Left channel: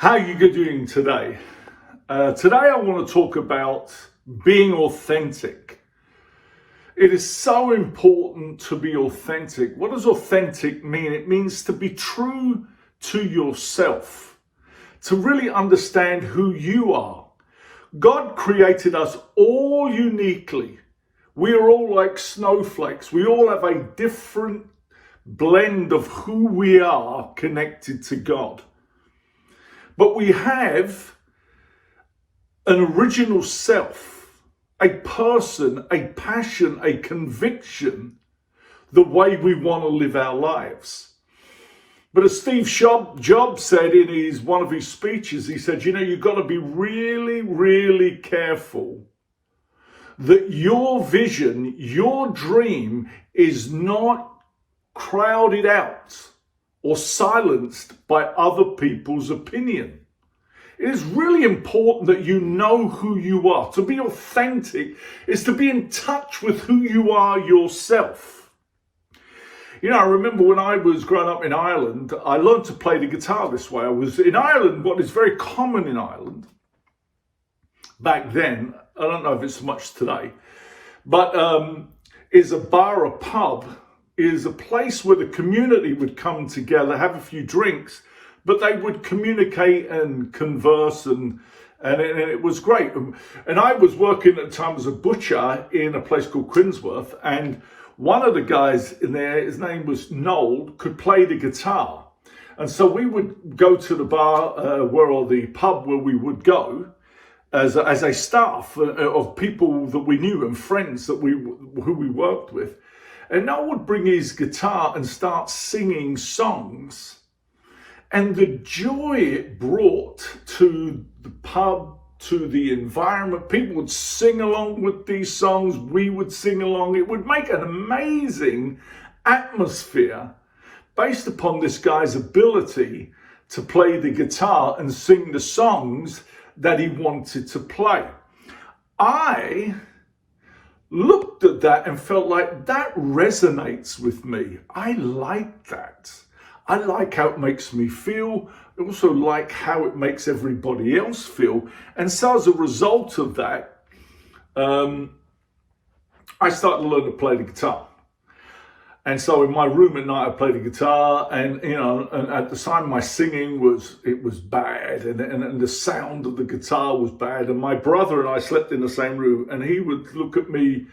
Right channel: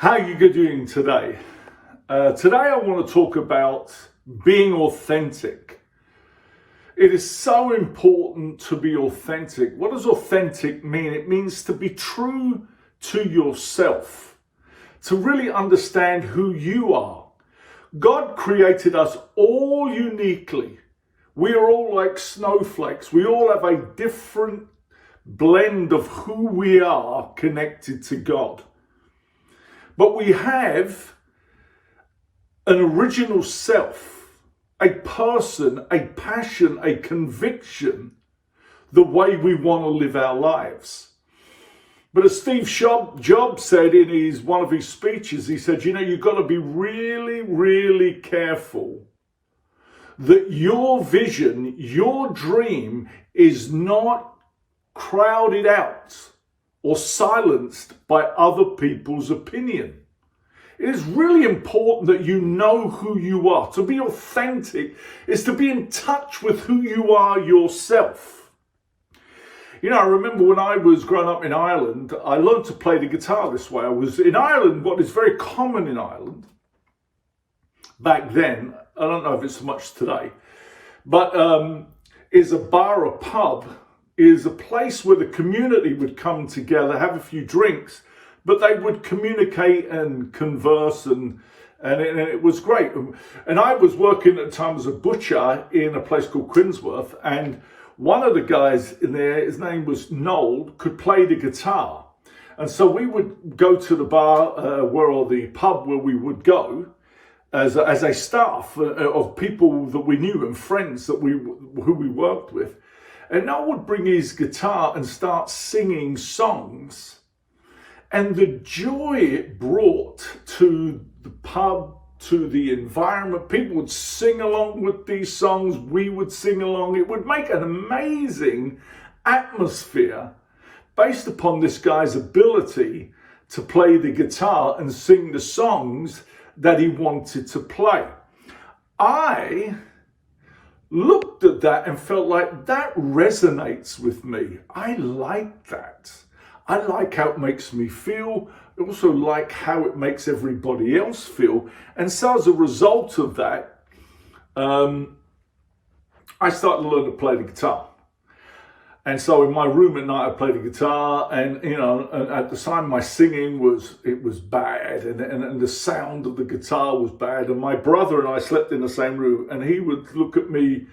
How are you doing today? Today I want to talk about being authentic. It is so important to be authentic. What does authentic mean? It means to be true to yourself, to really understand who you are. God created us all uniquely. We are all like snowflakes. We all have a different blend of who we are connected to God. But we have an original self, a person, a passion, a conviction, the way we want to live our lives. But as Steve Jobs said in one of his speeches, he said, you've got to be really, really careful that your vision, your dream is not crowded out or silenced by other people's opinion. It is really important that you know who you are. To be authentic is to be in touch with who you are yourself. I remember when I was growing up in Ireland, I learned to play the guitar this way. I was in Ireland, what is very common in Ireland back then, I don't know if it's so much today, but is a bar, a pub, is a place where the community would come together, have a few drinks, but they would communicate and converse, and it was great. And I was working at the time as a butcher in a place called Quinsworth, and one of the guys in there, his name was Noel, could play the guitar. And so we would go to the bar or the pub where we would go as a staff of people that we knew and friends who we worked with. And Noel would bring his guitar and start singing songs. And the joy it brought to the pub, to the environment, people would sing along with these songs, we would sing along. It would make an amazing atmosphere based upon this guy's ability to play the guitar and sing the songs that he wanted to play. I looked at that and felt like that resonates with me. I like that. I like how it makes me feel. I also like how it makes everybody else feel. And so as a result of that, I started to learn to play the guitar. And so in my room at night, I played the guitar, and and at the time my singing was bad, and the sound of the guitar was bad. And my brother and I slept in the same room, and he would look at me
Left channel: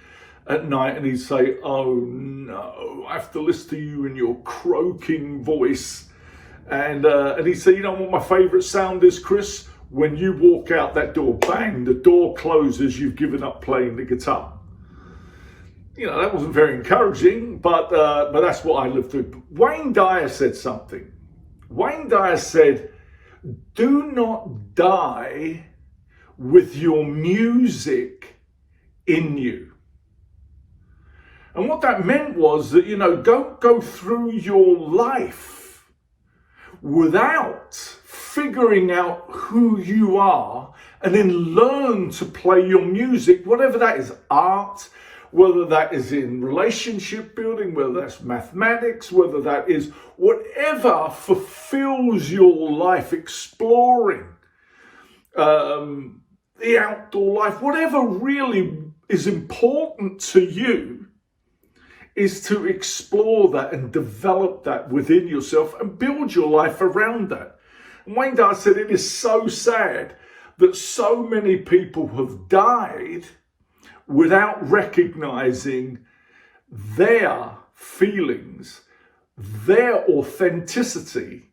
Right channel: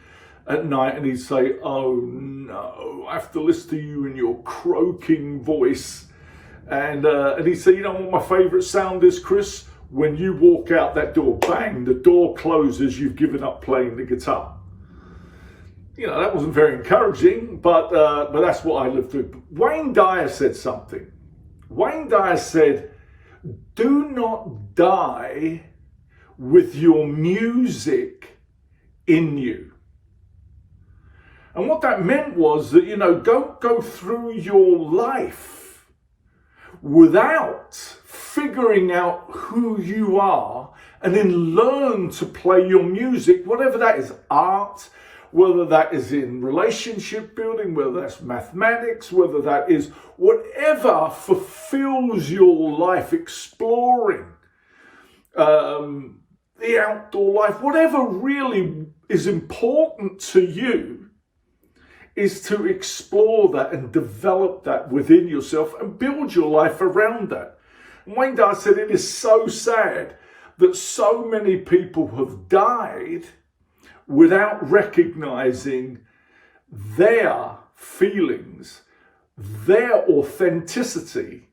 at night and he'd say, "Oh no, I have to listen to you and your croaking voice." And he'd say, "You know what my favorite sound is, Chris? When you walk out that door, bang, the door closes, you've given up playing the guitar." That wasn't very encouraging, but that's what I lived through. Wayne Dyer said something. Wayne Dyer said, "Do not die with your music in you." And what that meant was that, don't go through your life without figuring out who you are, and then learn to play your music, whatever that is, art, whether that is in relationship building, whether that's mathematics, whether that is whatever fulfills your life, exploring the outdoor life, whatever really is important to you, is to explore that and develop that within yourself and build your life around that. And Wayne Dyer said it is so sad that so many people have died without recognizing their feelings, their authenticity,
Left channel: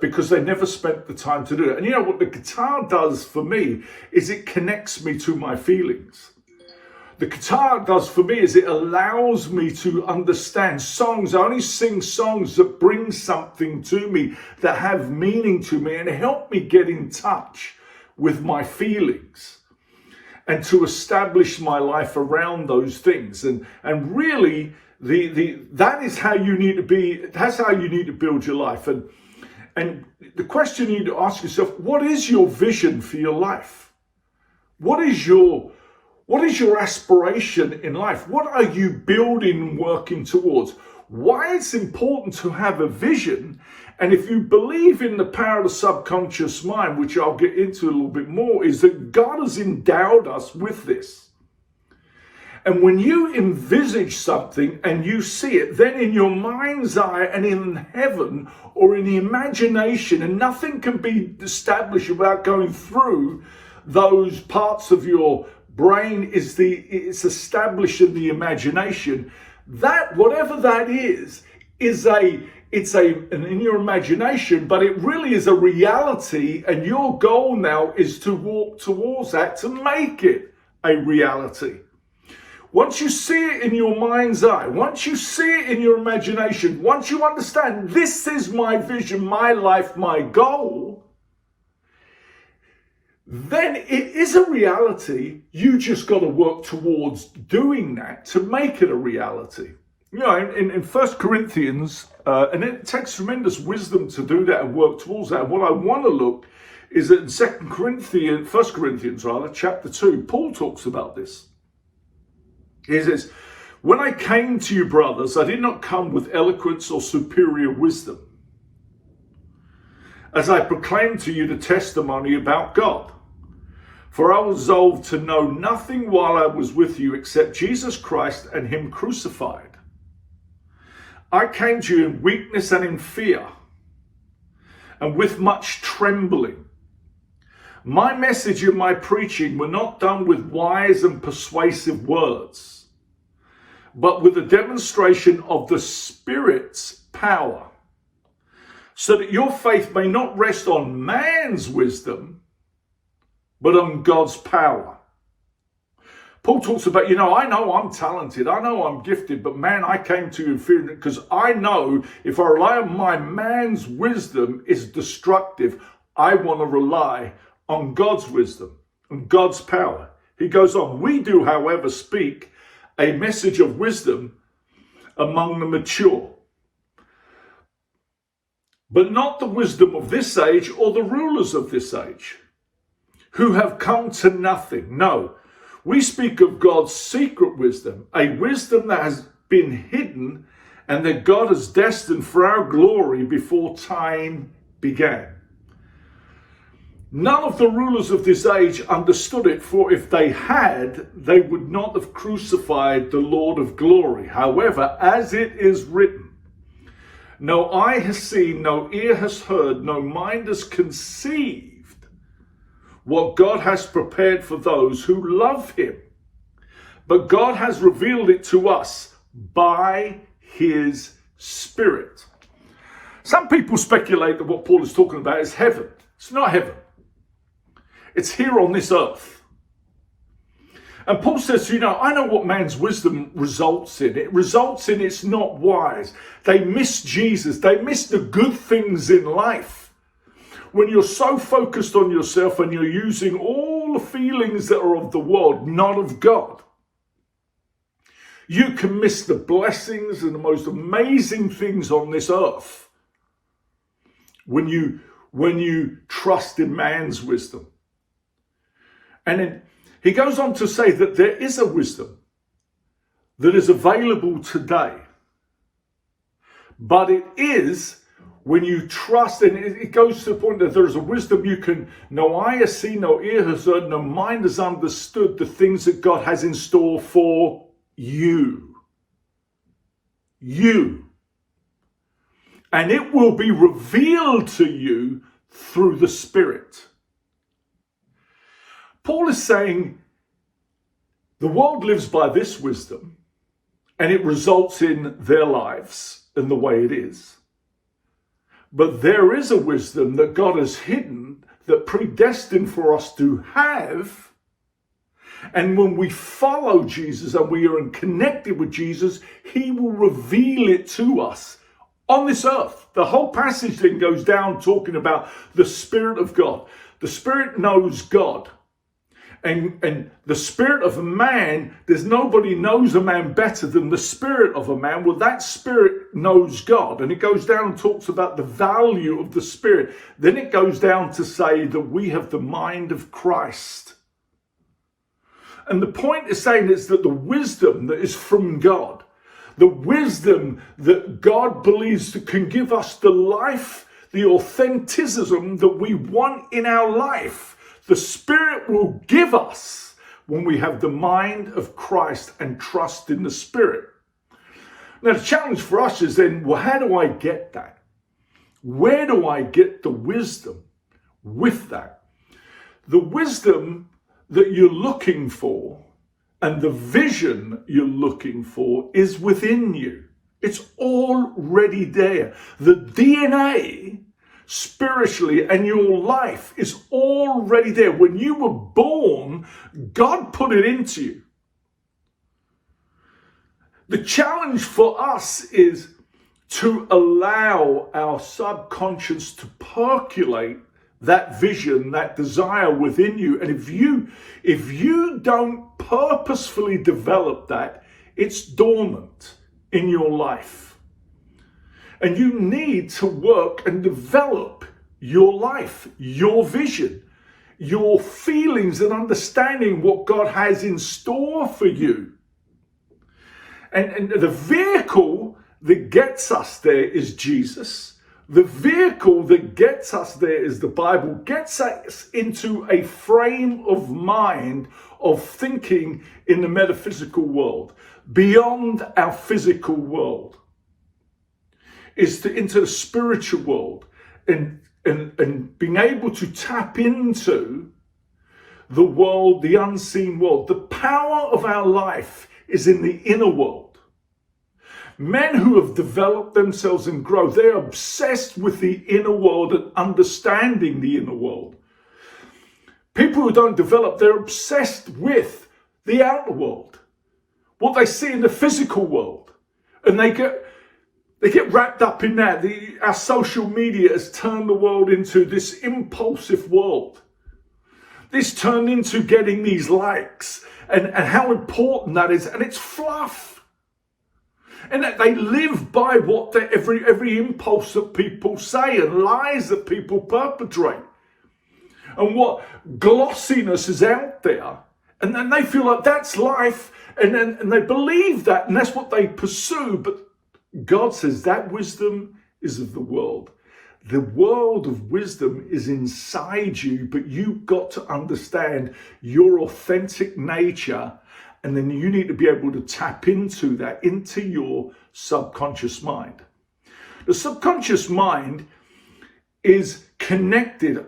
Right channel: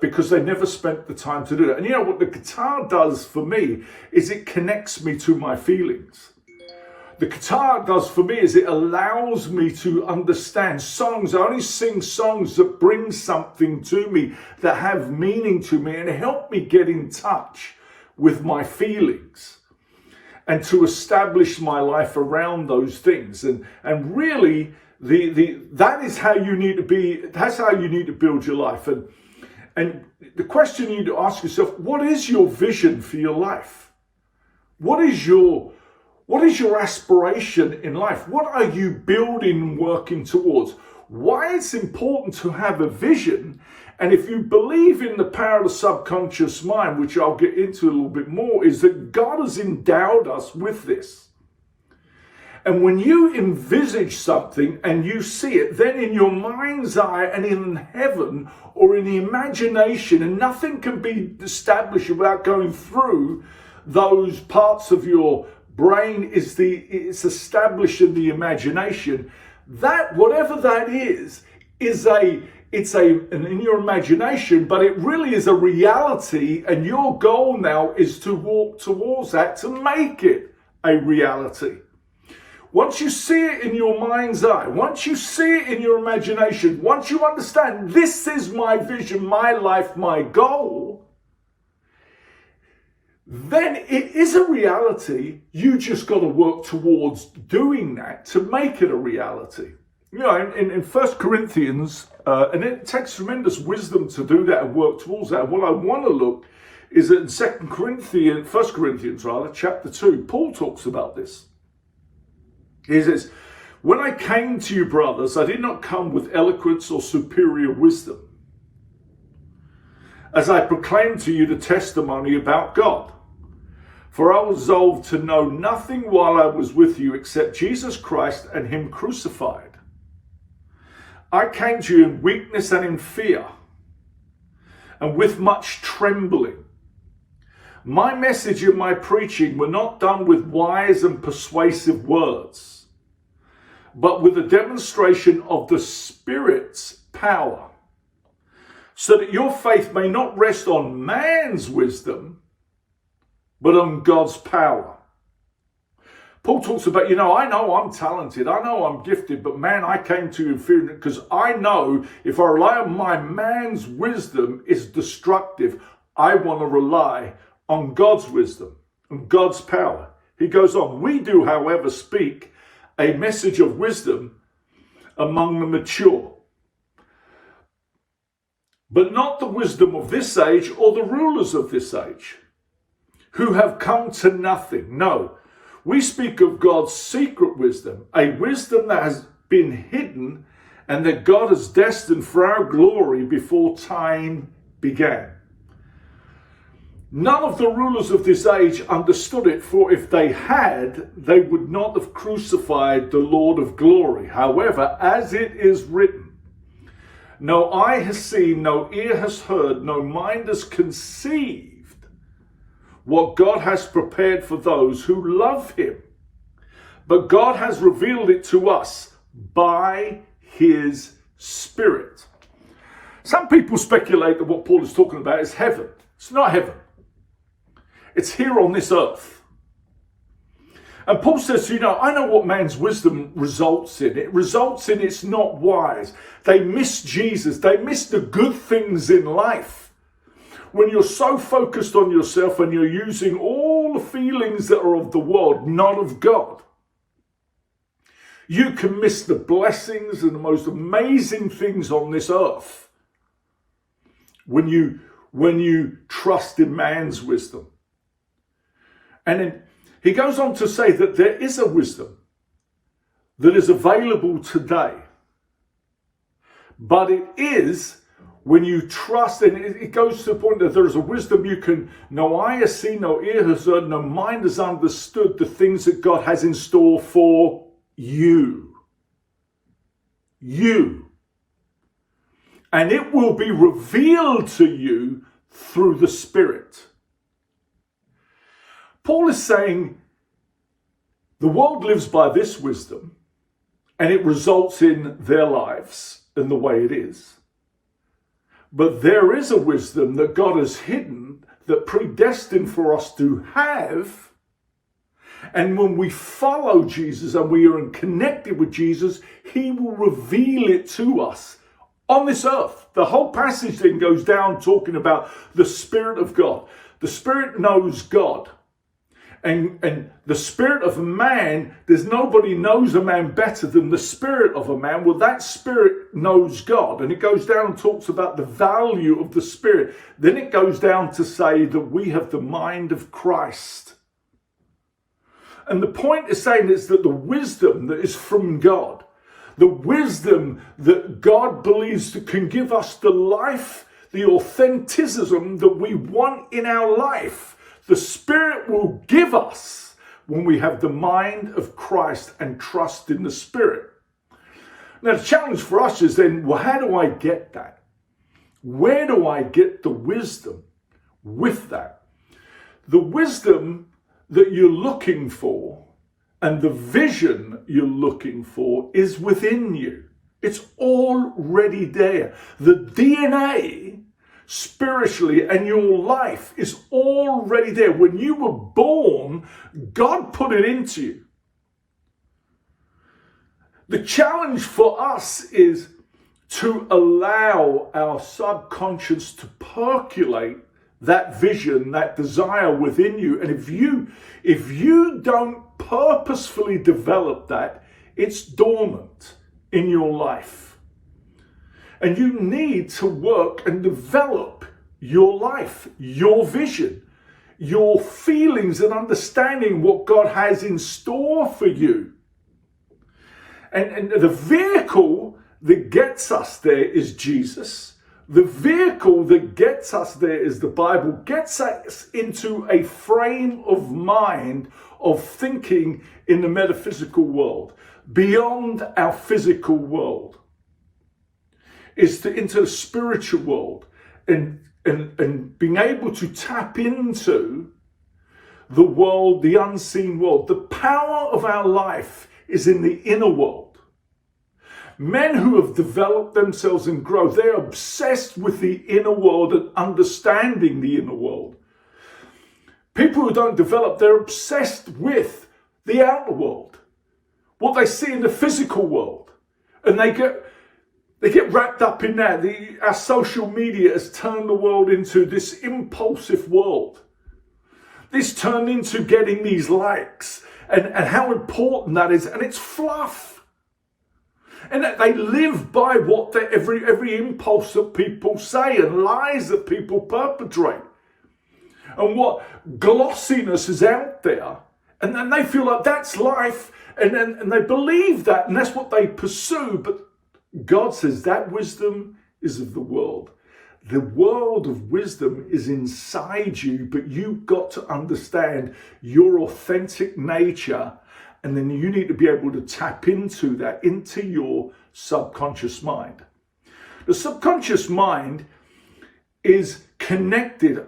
because they never spent the time to do that. And what the guitar does for me is it connects me to my feelings. The guitar does for me is it allows me to understand songs. I only sing songs that bring something to me, that have meaning to me, and help me get in touch with my feelings, and to establish my life around those things. And really, that is how you need to be. That's how you need to build your life. And the question you need to ask yourself: what is your vision for your life? What is your aspiration in life? What are you building, working towards? Why it's important to have a vision And if you believe in the power of the subconscious mind, which I'll get into a little bit more, is that God has endowed us with this. And when you envisage something and you see it, then in your mind's eye and in heaven or in the imagination, and nothing can be established without going through those parts of your brain, it's established in the imagination. That, whatever that is in your imagination, but it really is a reality, and your goal now is to walk towards that, to make it a reality. Once you see it in your mind's eye, once you see it in your imagination, once you understand this is my vision, my life, my goal, then it is a reality. You just got to work towards doing that to make it a reality. You know, in 1 Corinthians, and it takes tremendous wisdom to do that and work towards that. And what I want to look is that in 1 Corinthians, chapter 2, Paul talks about this. He says, when I came to you, brothers, I did not come with eloquence or superior wisdom, as I proclaimed to you the testimony about God. For I resolved to know nothing while I was with you except Jesus Christ and him crucified. I came to you in weakness and in fear, and with much trembling. My message and my preaching were not done with wise and persuasive words, but with a demonstration of the Spirit's power, so that your faith may not rest on man's wisdom, but on God's power. Paul talks about, I know I'm talented, I know I'm gifted, but man, I came to you in fear, because I know if I rely on my man's wisdom, it's destructive. I want to rely on God's wisdom and God's power. He goes on, we do, however, speak a message of wisdom among the mature, but not the wisdom of this age or the rulers of this age, who have come to nothing. No, we speak of God's secret wisdom, a wisdom that has been hidden and that God has destined for our glory before time began. None of the rulers of this age understood it, for if they had, they would not have crucified the Lord of glory. However, as it is written, no eye has seen, no ear has heard, no mind has conceived what God has prepared for those who love him. But God has revealed it to us by his Spirit. Some people speculate that what Paul is talking about is heaven. It's not heaven. It's here on this earth. And Paul says, I know what man's wisdom results in. It results in it's not wise. They miss Jesus. They miss the good things in life. When you're so focused on yourself and you're using all the feelings that are of the world, not of God, you can miss the blessings and the most amazing things on this earth when you trust in man's wisdom. And then he goes on to say that there is a wisdom that is available today. But it is when you trust, and it goes to the point that there is a wisdom no eye has seen, no ear has heard, no mind has understood the things that God has in store for you. You. And it will be revealed to you through the Spirit. Paul is saying the world lives by this wisdom, and it results in their lives in the way it is. But there is a wisdom that God has hidden, that predestined for us to have. And when we follow Jesus and we are connected with Jesus, he will reveal it to us on this earth. The whole passage then goes down talking about the Spirit of God. The Spirit knows God. And the spirit of a man, there's nobody knows a man better than the spirit of a man. Well, that spirit knows God. And it goes down and talks about the value of the Spirit. Then it goes down to say that we have the mind of Christ. And the point is saying is that the wisdom that is from God, the wisdom that God believes that can give us the life the authenticism that we want in our life, the Spirit will give us when we have the mind of Christ and trust in the Spirit. Now, the challenge for us is then, well, how do I get that? Where do I get the wisdom with that? The wisdom that you're looking for and the vision you're looking for is within you. It's already there. The DNA, spiritually, and your life is already there. When you were born, God put it into you. The challenge for us is to allow our subconscious to percolate that vision, that desire within you. And if you don't purposefully develop that, it's dormant in your life. And you need to work and develop your life, your vision, your feelings, and understanding what God has in store for you. And the vehicle that gets us there is Jesus. The vehicle that gets us there is the Bible, gets us into a frame of mind of thinking in the metaphysical world, beyond our physical world, is into the spiritual world and being able to tap into the world, the unseen world. The power of our life is in the inner world. Men who have developed themselves and grow, they're obsessed with the inner world and understanding the inner world. People who don't develop, they're obsessed with the outer world, what they see in the physical world. And they get wrapped up in that. Our social media has turned the world into this impulsive world. This turned into getting these likes and how important that is. And it's fluff. And that they live by what every impulse that people say and lies that people perpetrate. And what glossiness is out there. And then they feel like that's life. And they believe that. And that's what they pursue. But God says that wisdom is of the world. The world of wisdom is inside you, but you've got to understand your authentic nature, and then you need to be able to tap into that, into your subconscious mind. The subconscious mind is connected,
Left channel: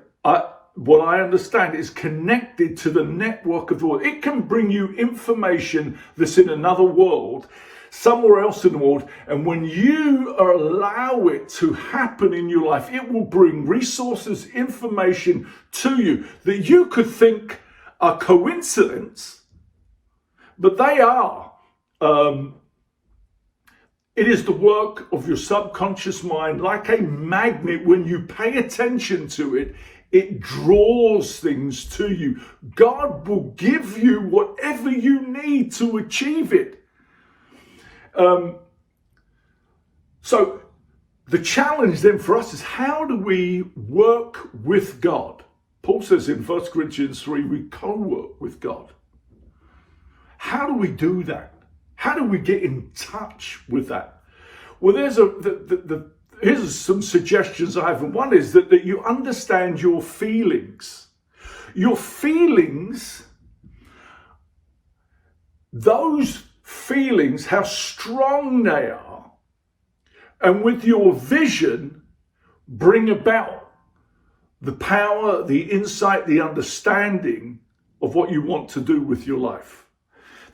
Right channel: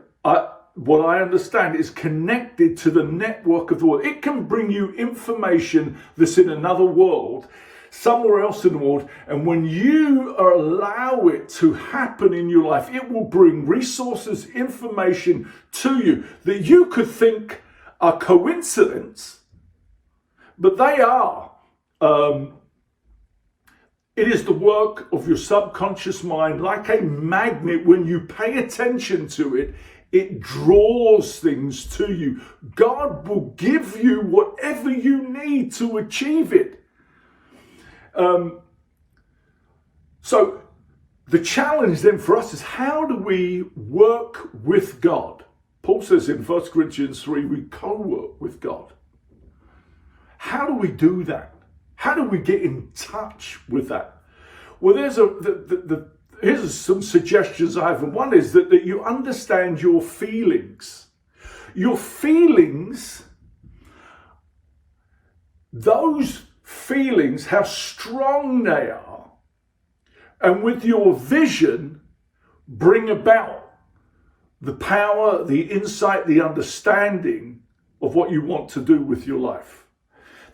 what I understand is connected to the network of the world. It can bring you information that's in another world, somewhere else in the world, and when you allow it to happen in your life, it will bring resources, information to you that you could think are coincidence, but they are. It is the work of your subconscious mind. Like a magnet, when you pay attention to it, it draws things to you. God will give you whatever you need to achieve it. So the challenge then for us is, how do we work with God? Paul says in 1 Corinthians 3, we co-work with God. How do we do that? How do we get in touch with that? Well, here's some suggestions I have. And one is that you understand your feelings. Your feelings, those feelings, how strong they are, and with your vision, bring about the power, the insight, the understanding of what you want to do with your life.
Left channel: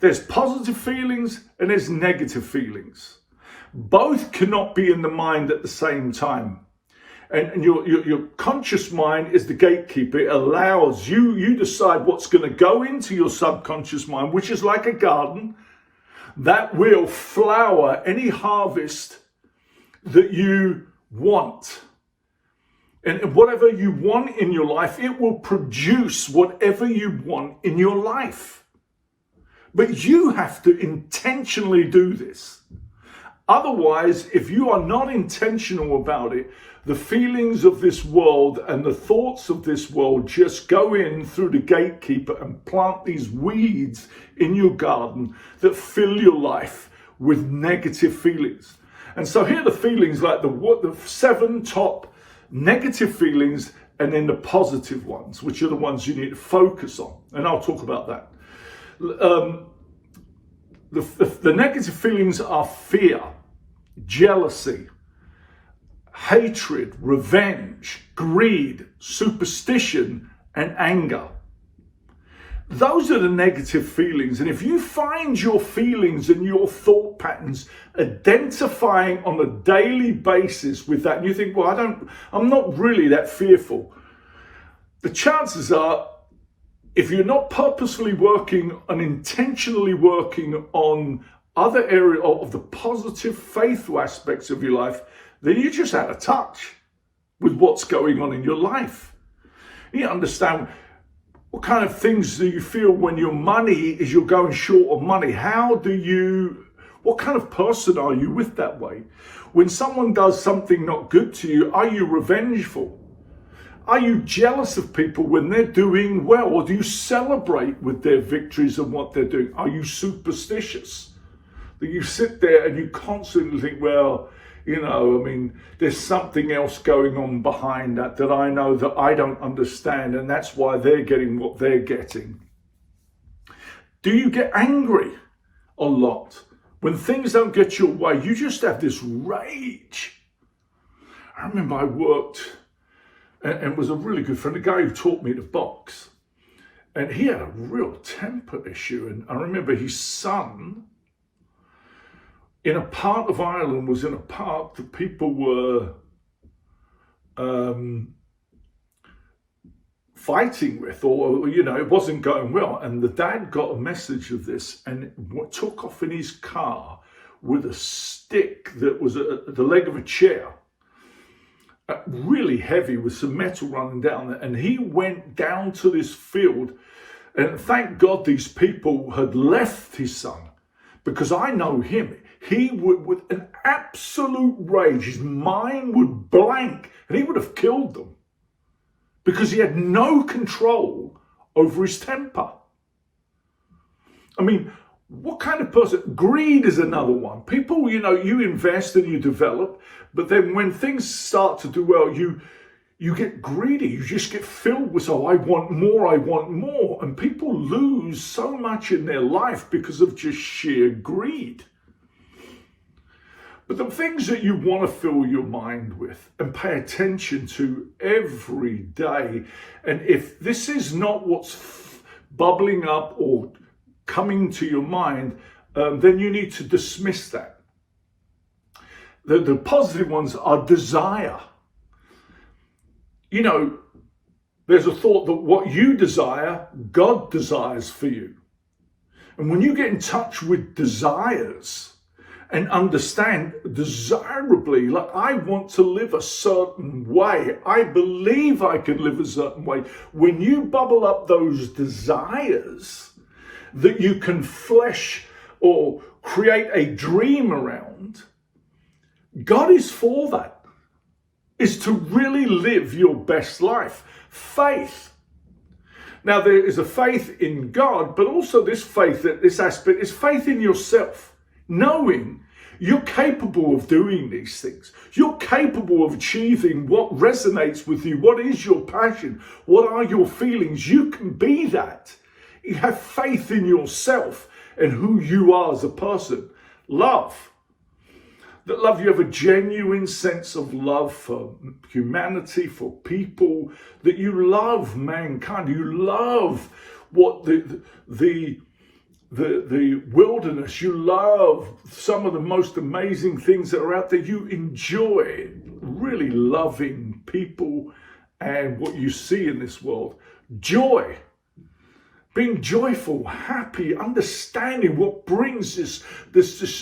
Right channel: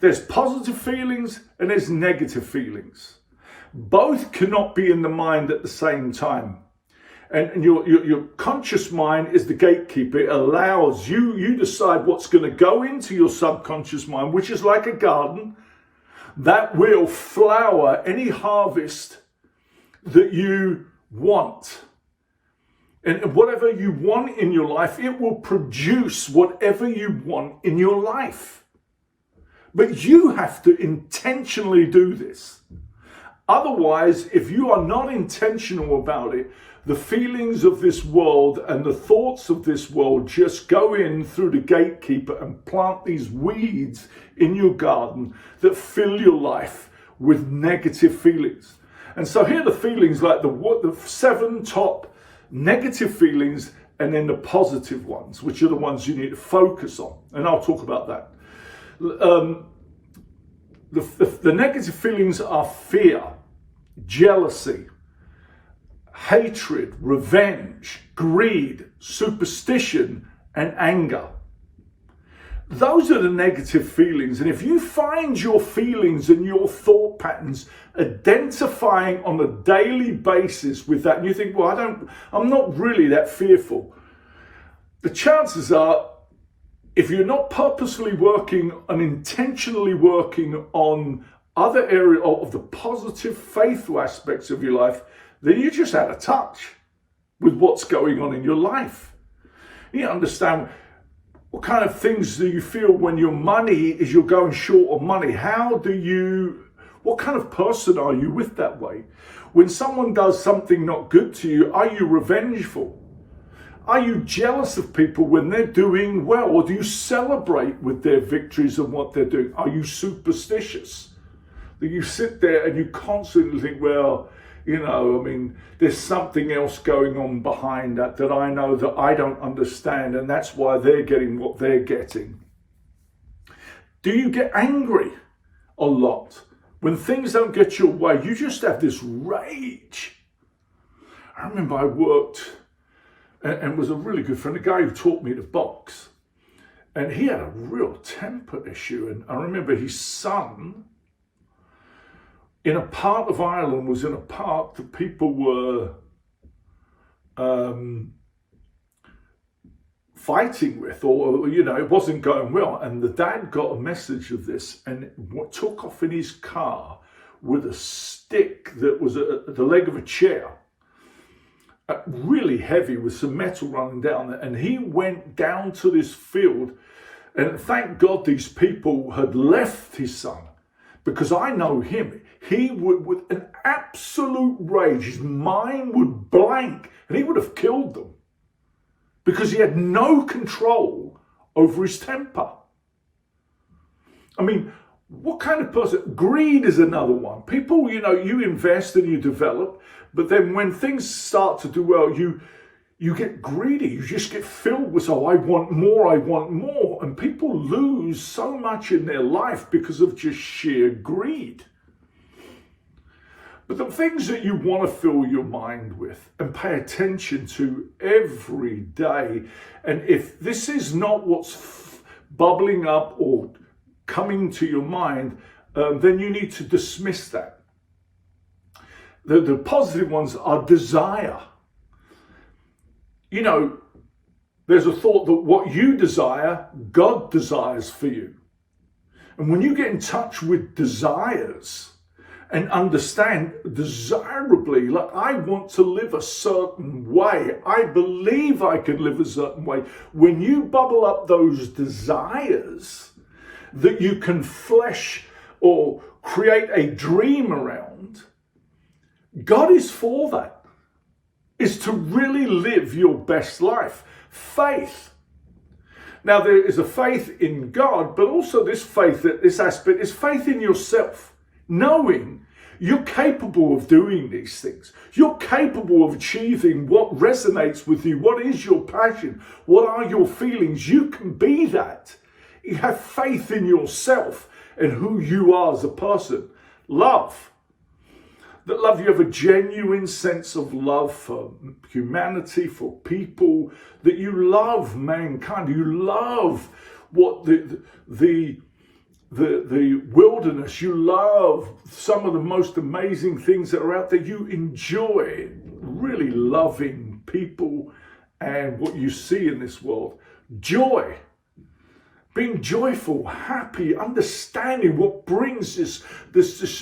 There's positive feelings and there's negative feelings. Both cannot be in the mind at the same time. And your conscious mind is the gatekeeper. It allows you decide what's going to go into your subconscious mind, which is like a garden that will flower any harvest that you want. And whatever you want in your life, it will produce whatever you want in your life. But you have to intentionally do this. Otherwise, if you are not intentional about it, the feelings of this world and the thoughts of this world just go in through the gatekeeper and plant these weeds in your garden that fill your life with negative feelings. And so here are the feelings, like the 7 top negative feelings and then the positive ones, which are the ones you need to focus on. And I'll talk about that. The negative feelings are fear, jealousy, hatred, revenge, greed, superstition, and anger. Those are the negative feelings. And if you find your feelings and your thought patterns identifying on a daily basis with that, and you think, well, I'm not really that fearful, the chances are, if you're not purposefully working and intentionally working on other areas of the positive, faithful aspects of your life, then you're just out of touch with what's going on in your life. You understand what kind of things do you feel when your money is you're going short of money? What kind of person are you with that way? When someone does something not good to you, are you revengeful? Are you jealous of people when they're doing well? Or do you celebrate with their victories and what they're doing? Are you superstitious? That you sit there and you constantly think, well, there's something else going on behind that I know that I don't understand, and that's why they're getting what they're getting. Do you get angry a lot? When things don't get your way, you just have this rage. I remember I worked and was a really good friend, a guy who taught me to box. And he had a real temper issue. And I remember his son, in a part of Ireland, was in a park that people were fighting with, or it wasn't going well. And the dad got a message of this and took off in his car with a stick that was the leg of a chair, really heavy, with some metal running down there. And he went down to this field, and thank God these people had left his son, because I know him. He would, with an absolute rage, his mind would blank, and he would have killed them because he had no control over his temper. I mean, what kind of person? Greed is another one. People, you invest and you develop, but then when things start to do well, you get greedy. You just get filled with, I want more. And people lose so much in their life because of just sheer greed. But the things that you want to fill your mind with and pay attention to every day, and if this is not what's bubbling up or coming to your mind, then you need to dismiss that. The positive ones are desire. There's a thought that what you desire, God desires for you. And when you get in touch with desires and understand desirably, like, I want to live a certain way, I believe I can live a certain way. When you bubble up those desires that you can flesh or create a dream around, God is for that. Is to really live your best life. Faith. Now, there is a faith in God, but also this aspect is faith in yourself. Knowing you're capable of doing these things. You're capable of achieving what resonates with you. What is your passion? What are your feelings? You can be that. You have faith in yourself and who you are as a person. Love. That love, you have a genuine sense of love for humanity, for people, that you love mankind. You love what the wilderness. You love some of the most amazing things that are out there. You enjoy really loving people and what you see in this world. Joy. Being joyful, happy, understanding what brings this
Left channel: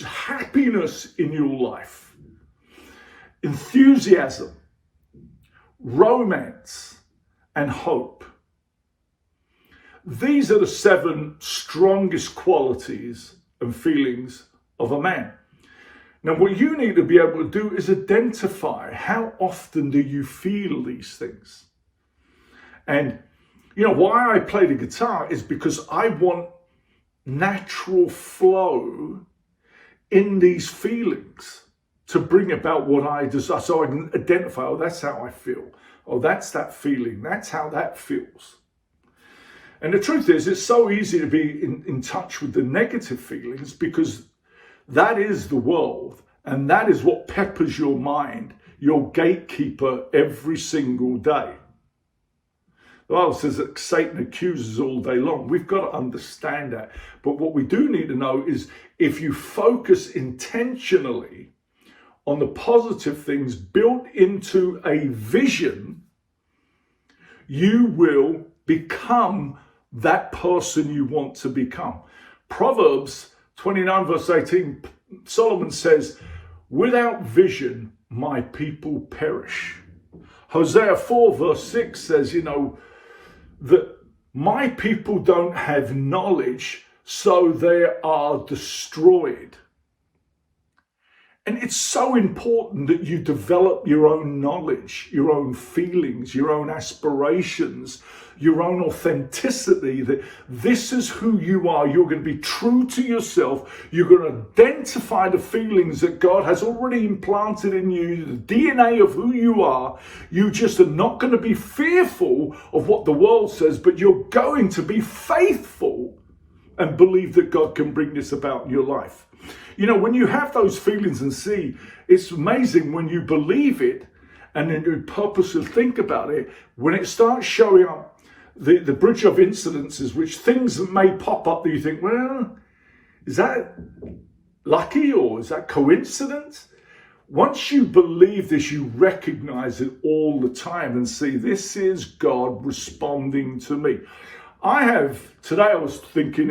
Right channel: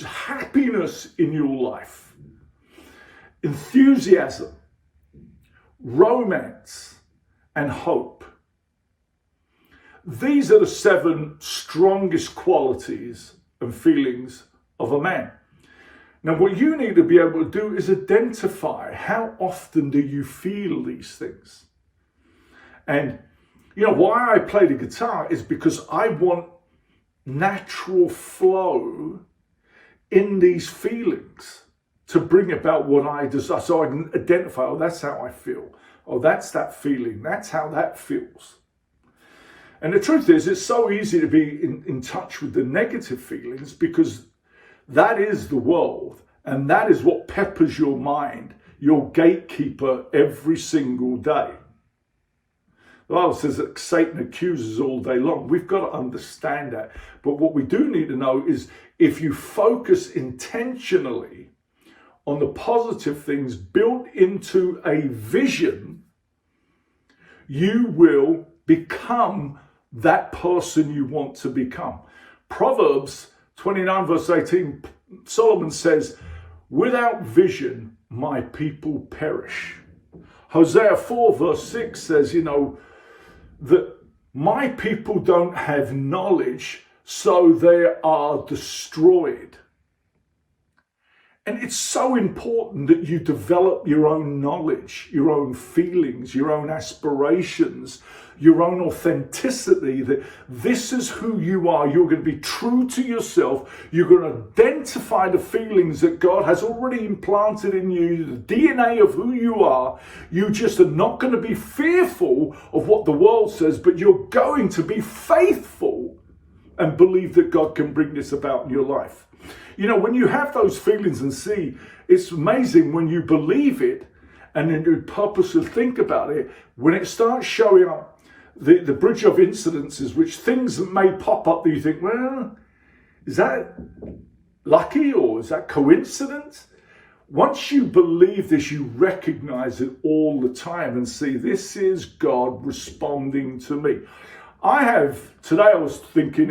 happiness in your life. Enthusiasm, romance, and hope. These are the 7 strongest qualities and feelings of a man. Now, what you need to be able to do is identify how often do you feel these things. And why I play the guitar is because I want natural flow in these feelings. to bring about what I desire, so I can identify, oh, that's how I feel. Oh, that's that feeling. That's how that feels. And the truth is, it's so easy to be in touch with the negative feelings because that is the world. And that is what peppers your mind, your gatekeeper every single day. The Bible says that Satan accuses all day long. We've got to understand that. But what we do need to know is if you focus intentionally on the positive things built into a vision, you will become that person you want to become. Proverbs 29 verse 18, Solomon says, without vision, my people perish. Hosea 4 verse 6 says, that my people don't have knowledge, so they are destroyed. And it's so important that you develop your own knowledge, your own feelings, your own aspirations, your own authenticity, that this is who you are. You're going to be true to yourself. You're going to identify the feelings that God has already implanted in you, the DNA of who you are. You just are not going to be fearful of what the world says, but you're going to be faithful and believe that God can bring this about in your life. When you have those feelings and see, it's amazing when you believe it and then you purposely think about it, when it starts showing up, the bridge of incidences, which things that may pop up that you think, well, is that lucky or is that coincidence? Once you believe this, you recognize it all the time and see, this is God responding to me. Today I was thinking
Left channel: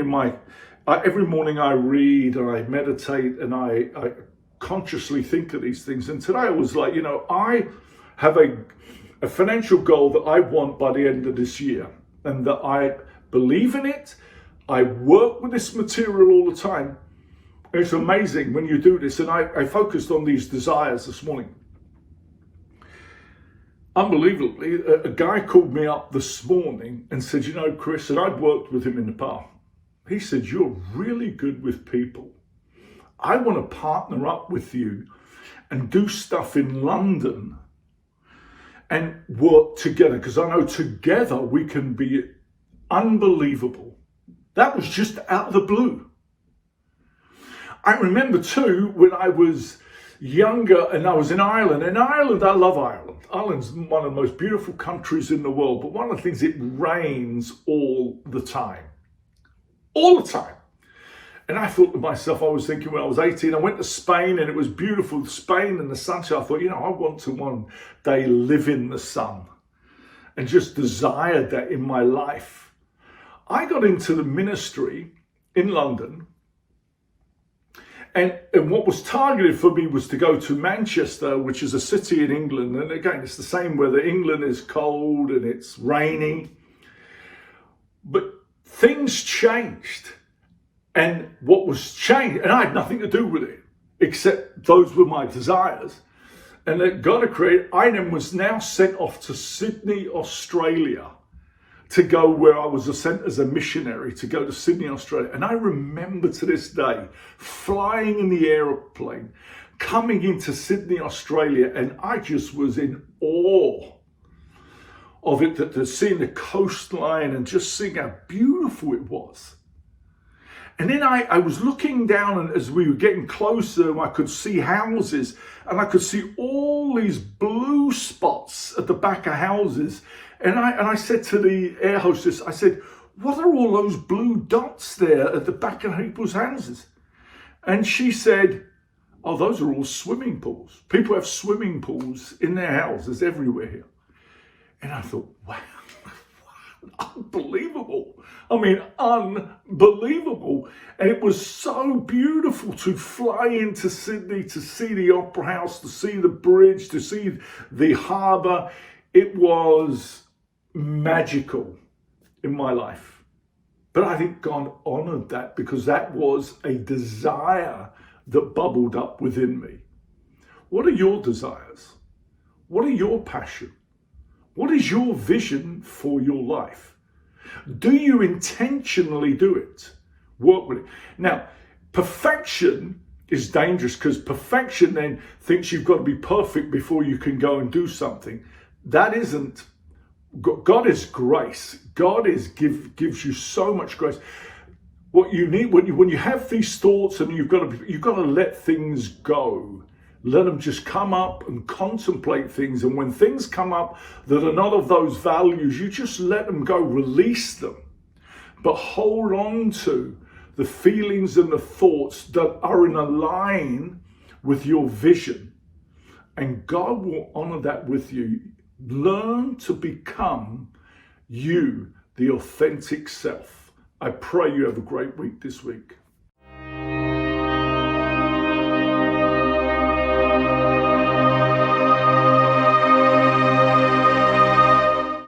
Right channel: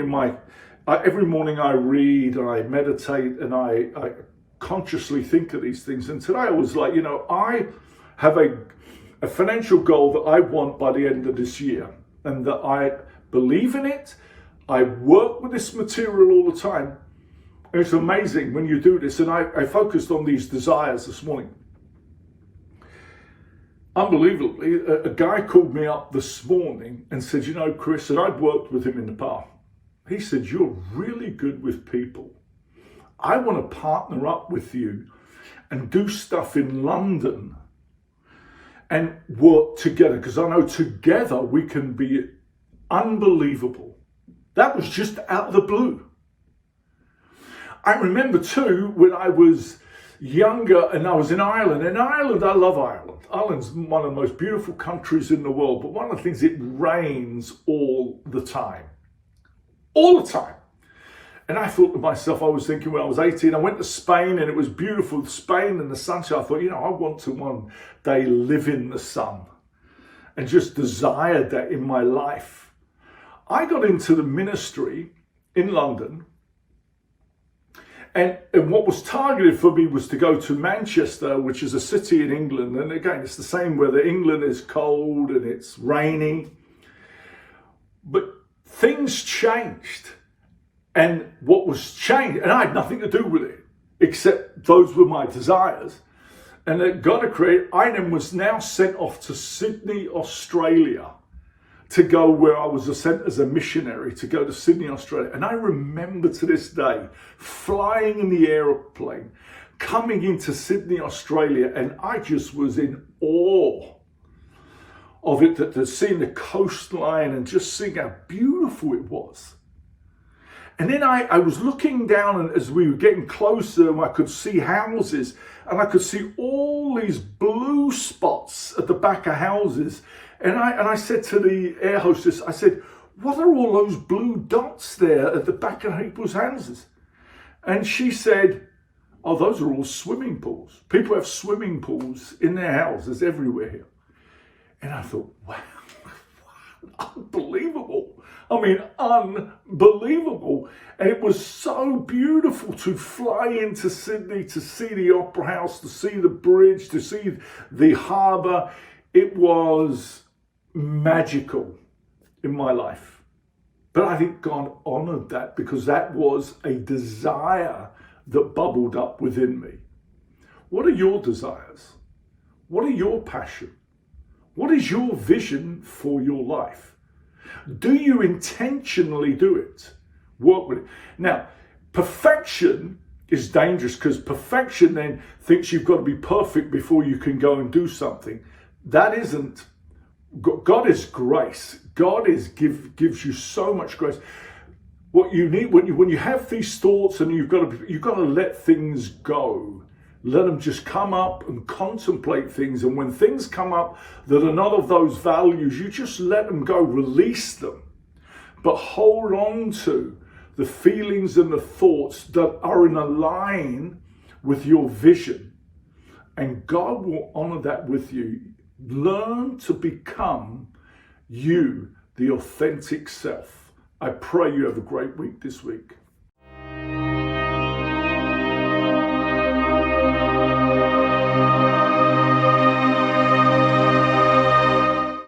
every morning I read, I meditate, and I consciously think of these things. And today I was like, I have a financial goal that I want by the end of this year, and that I believe in it. I work with this material all the time. And it's amazing when you do this. And I focused on these desires this morning. Unbelievably, a guy called me up this morning and said, Chris, and I'd worked with him in the past. He said, you're really good with people. I want to partner up with you and do stuff in London and work together, because I know together we can be unbelievable. That was just out of the blue. I remember too, when I was younger and I was in Ireland. In Ireland, I love Ireland. Ireland's one of the most beautiful countries in the world, but one of the things, it rains all the time. All the time. And I thought to myself, I was thinking when I was 18, I went to Spain and it was beautiful, Spain and the sunshine. I thought, I want to one day live in the sun, and just desired that in my life. I got into the ministry in London, and what was targeted for me was to go to Manchester, which is a city in England. And again, it's the same weather. England is cold and it's rainy. But things changed. And what was changed, and I had nothing to do with it, except those were my desires. And that God had created, I then was now sent off to Sydney, Australia, to go where I was sent as a missionary, to go to Sydney, Australia. And I remember to this day, flying in the aeroplane, coming into Sydney, Australia, and I just was in awe of it, that seeing the coastline and just seeing how beautiful it was. And then I was looking down, and as we were getting closer, and I could see houses, and I could see all these blue spots at the back of houses. And I said to the air hostess, I said, what are all those blue dots there at the back of people's houses? And she said, oh, those are all swimming pools. People have swimming pools in their houses everywhere here. And I thought, wow, unbelievable. I mean, unbelievable. And it was so beautiful to fly into Sydney, to see the Opera House, to see the bridge, to see the harbour. It was magical in my life. But I think God honoured that, because that was a desire that bubbled up within me. What are your desires? What are your passions? What is your vision for your life? Do you intentionally do it? Work with it. Now, perfection is dangerous, because perfection then thinks you've got to be perfect before you can go and do something. That isn't. God is grace. God gives you so much grace. What you need when you have these thoughts, and you've got to let things go. Let them just come up and contemplate things. And when things come up that are not of those values, you just let them go, release them. But hold on to the feelings and the thoughts that are in a line with your vision. And God will honor that with you. Learn to become you, the authentic self. I pray you have a great week this week.